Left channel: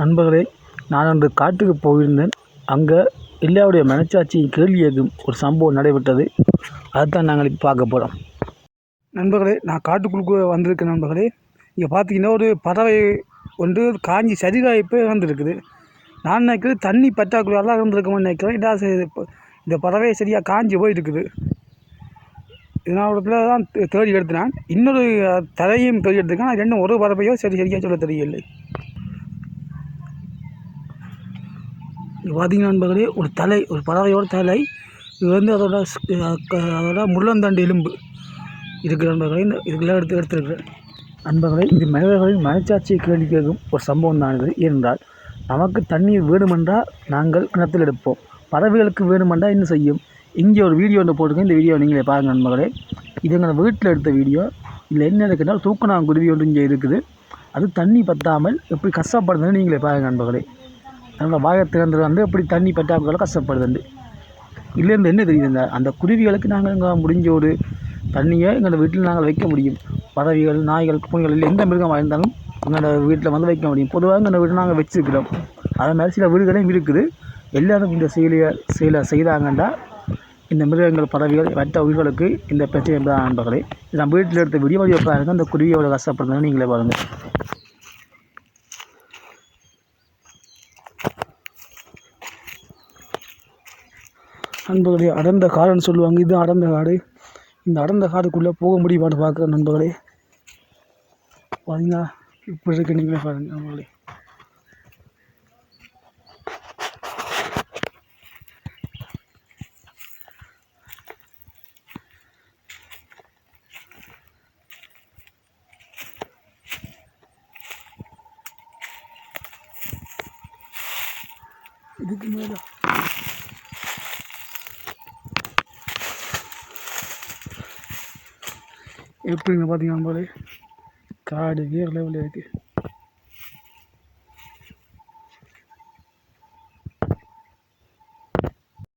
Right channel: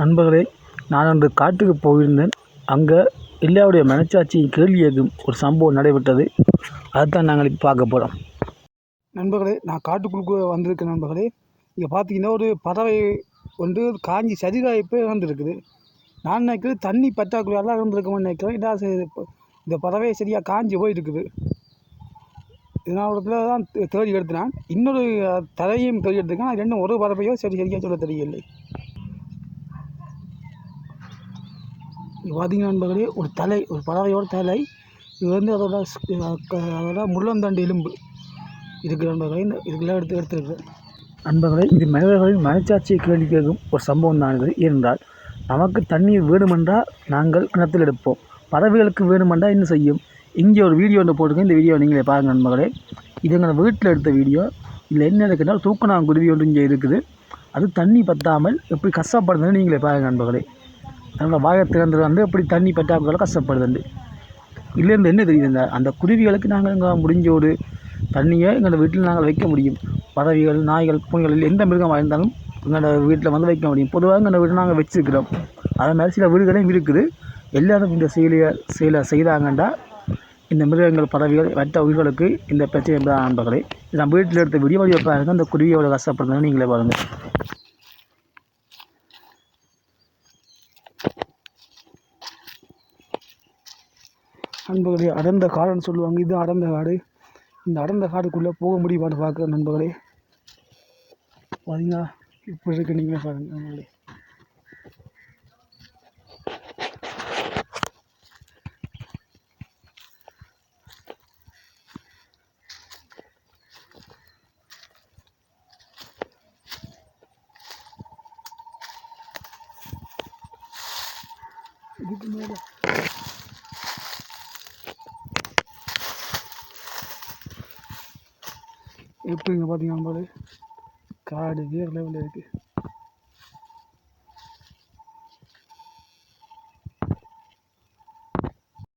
நண்பர்களே, நான் அன்று காட்டுக்கு போயிருந்தேன். அங்கே எல்லாருடைய மனச்சாட்சியை கேள்வி கேட்கும் ஒரு சம்பவம் நடைபெற்றது. அதைத்தான் நாங்கள் இப்போ பார்க்க போகிறோம். நண்பர்களே, நான் காட்டுக்குள்ளுக்கு வந்திருக்கேன். நண்பர்களே, இங்கே பார்த்தீங்கன்னா ஒரு பறவை ஒன்று காஞ்சி சரிகாய்ப்பு இறந்துருக்குது. நான் நினைக்கிறேன் தண்ணி பற்றாக்குறையால் இறந்துருக்கோம்னு நினைக்கிறேன். இந்த பறவை சரியாக காஞ்சி போயிருக்குது. இதனால் தான் தேடி எடுத்தினான். இன்னொரு தலையும் தேடி எடுத்துருக்கேன். அது ரெண்டும் ஒரு பறவையோ சரியாக சொல்ல தெரியலை. பார்த்தீங்கன்னா நண்பர்களே, ஒரு பறவையோட தலை இது வந்து அதோட முள்ளந்தண்டு எலும்பு இருக்கிற நண்பர்களே. இதுக்கெல்லாம் எடுத்துருக்குறேன் நண்பர்களே. இது மனிதர்களின் மனச்சாட்சியை கேள்வி கேட்கும் ஒரு சம்பவம் தான் இது. ஏனென்றால் நமக்கு தண்ணீர் வேணுமென்றால் நாங்கள் கிணத்தில் எடுப்போம். பறவைகளுக்கு வேணுமென்றால் என்ன செய்யும்? இங்கே ஒரு வீடியோ ஒன்று போட்டிருக்கேன். இந்த வீடியோ நீங்களே பாருங்கள் நண்பர்களே. இது எங்கள் வீட்டில் எடுத்த வீடியோ. இதில் என்ன இருக்குன்னால் தூக்கணாங்குருவி ஒன்று இங்கே இருக்குது. அது தண்ணி பற்றாமல் எப்படி கஷ்டப்படுதுன்னு நீங்களே பாருங்கள் நண்பர்களே. அதனால் வாயை திறந்து வந்து எப்படி தண்ணி பற்றாக்குறையால் கஷ்டப்படுதுண்டு. இதுலேருந்து என்ன தெரியுதுங்க, அந்த குருவிகளுக்கு நாங்கள் இங்கே முடிஞ்ச ஒரு தண்ணியை எங்களோட வீட்டில் நாங்கள் வைக்க முடியும். பறவைகள், நாய்கள், பூனைகள் இல்லை எந்த மிருகமாக இருந்தாலும் எங்களோட வீட்டில் வந்து வைக்க முடியும். பொதுவாக எங்களோட வீட்டில் நாங்கள் வச்சுருக்கிறோம். அதே மாதிரி சில வீடுகளையும் இருக்குது. எல்லோரும் இந்த செயலை செய்தாங்கன்னா இந்த மிருகங்கள், பறவைகள், மற்ற உயிர்களுக்கு இந்த பிரச்சனை என்பதாக நண்பர்களே. இது நம்ம வீட்டில் எடுத்த வீடியோ பாருங்கள். அந்த குருவியோட கஷ்டப்படுறதுன்னு நீங்களே பாருங்கள். நண்பர்களே, அடர்ந்த காடுன்னு சொல்லுவாங்க. இது அடர்ந்த காடு. இந்த அடர்ந்த காடுக்குள்ளே போக முடியுமான்னு பார்க்குற நண்பர்களே. பார்த்தீங்கன்னா இப்படி இருக்கு. நீங்களே பாருங்கள் நண்பர்களே. இதுக்கு மேலே எப்படிங்க பார்த்தீங்கன்னா நண்பர்களே, காடு வேறு லெவலில் இருக்குது.